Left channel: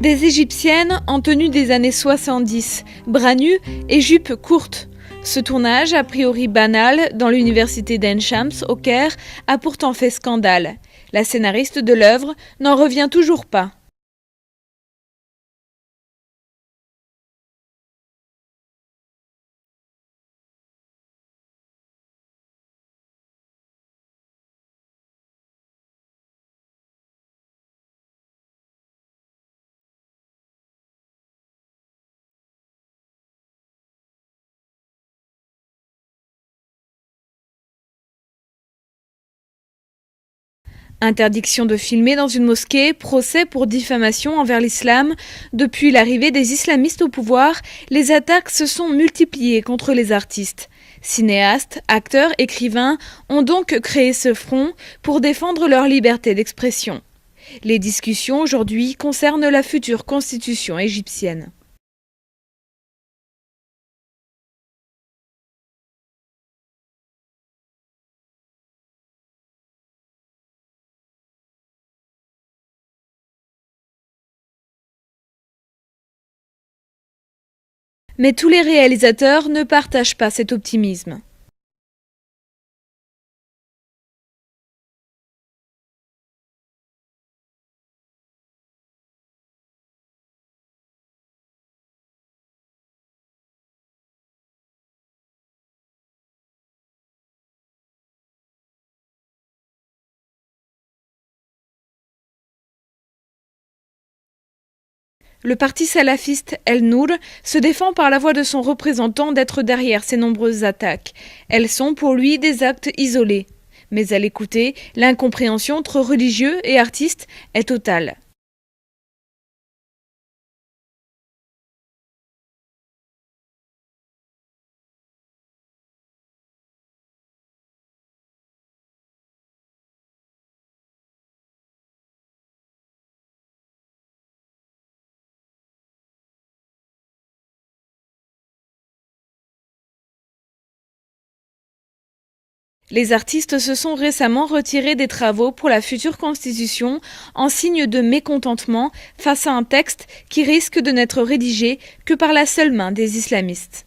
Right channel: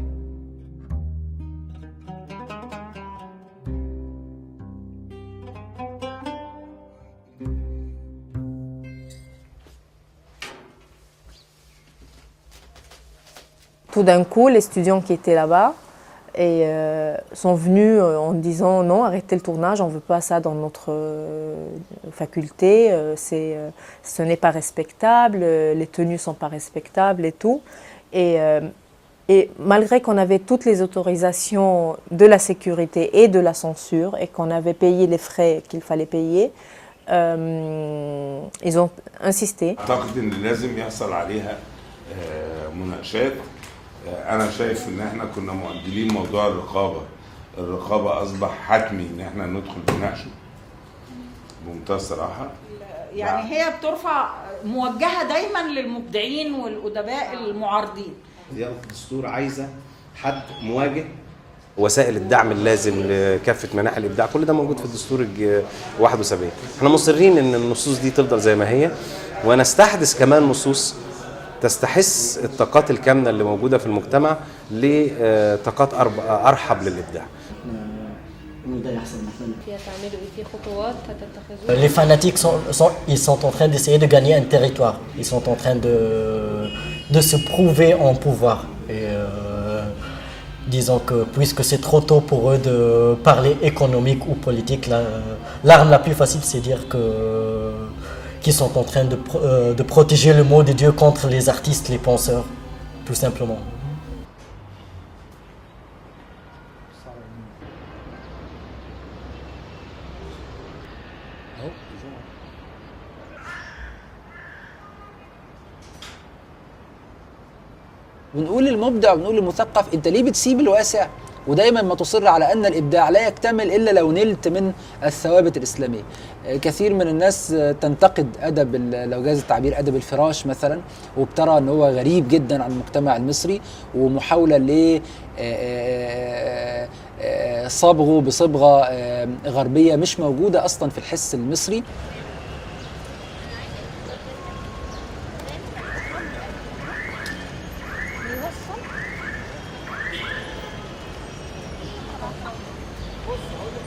Des Égyptiennes en tenue des années 70, bras nus et jupes courtes. Ce tournage, a priori banal, dans l'université d'Ain Shams, au Caire, a pourtant fait scandale. La scénariste de l'œuvre n'en revient toujours pas. Tout d'un coup, les étudiants qui étaient là-bas sont venus en disant non, arrêtez le tournage, on ne veut pas ça dans notre faculté, ce n'est pas respectable, les tenues ne sont pas respectables et tout. Et malgré qu'on avait toutes les autorisations de la sécurité et de la censure et qu'on avait payé les frais qu'il fallait payer, ils ont insisté. Interdiction de filmer dans une mosquée, procès pour diffamation envers l'islam. Depuis l'arrivée des islamistes au pouvoir, les attaques se sont multipliées contre les artistes. Cinéastes, acteurs, écrivains ont donc créé ce front pour défendre leur liberté d'expression. Les discussions aujourd'hui concernent la future constitution égyptienne. وسائل الدعم اللازم لكافة مناحي الإبداع كل ده موجود في الدستور 71. احنا مصرين ان النصوص دي تفضل زي ما هي ونستحدث كمان نصوص تستحث الطاقات الكامنة اللي موجودة في المجتمع لطاقات أرحب للإبداع. Mais tous les réalisateurs ne partagent pas cet optimisme. Les fanatiques ils sont en train d'essayer de gagner un territoire. Ils sont en train de se prouver en pouvoir. Et disons que puisque c'est trop tôt pour eux de parler économique ou politique, l'arme la plus facile c'est dire qu'ils sont en train de protéger le mot de Dieu contre les artistes, les penseurs, tout simplement. Le parti salafiste El Nour se défend par la voix de son représentant d'être derrière ces nombreuses attaques. Elles sont pour lui des actes isolés. Mais à l'écouter, l'incompréhension entre religieux et artistes est totale. ودايما ما تصر على أن الإبداع لا يكتمل إلا لو نلت من الثوابت الإسلامية. كثير من الناس تنتقد أدب لو جاز التعبير أدب الفراش مثلا وبترى أنه هو غريب جدا عن المجتمع المصري ومحاولة ل صبغه بصبغة غربية مش موجودة أصلا في الحس المصري. Les artistes se sont récemment retirés des travaux pour la future constitution en signe de mécontentement face à un texte qui risque de n'être rédigé que par la seule main des islamistes.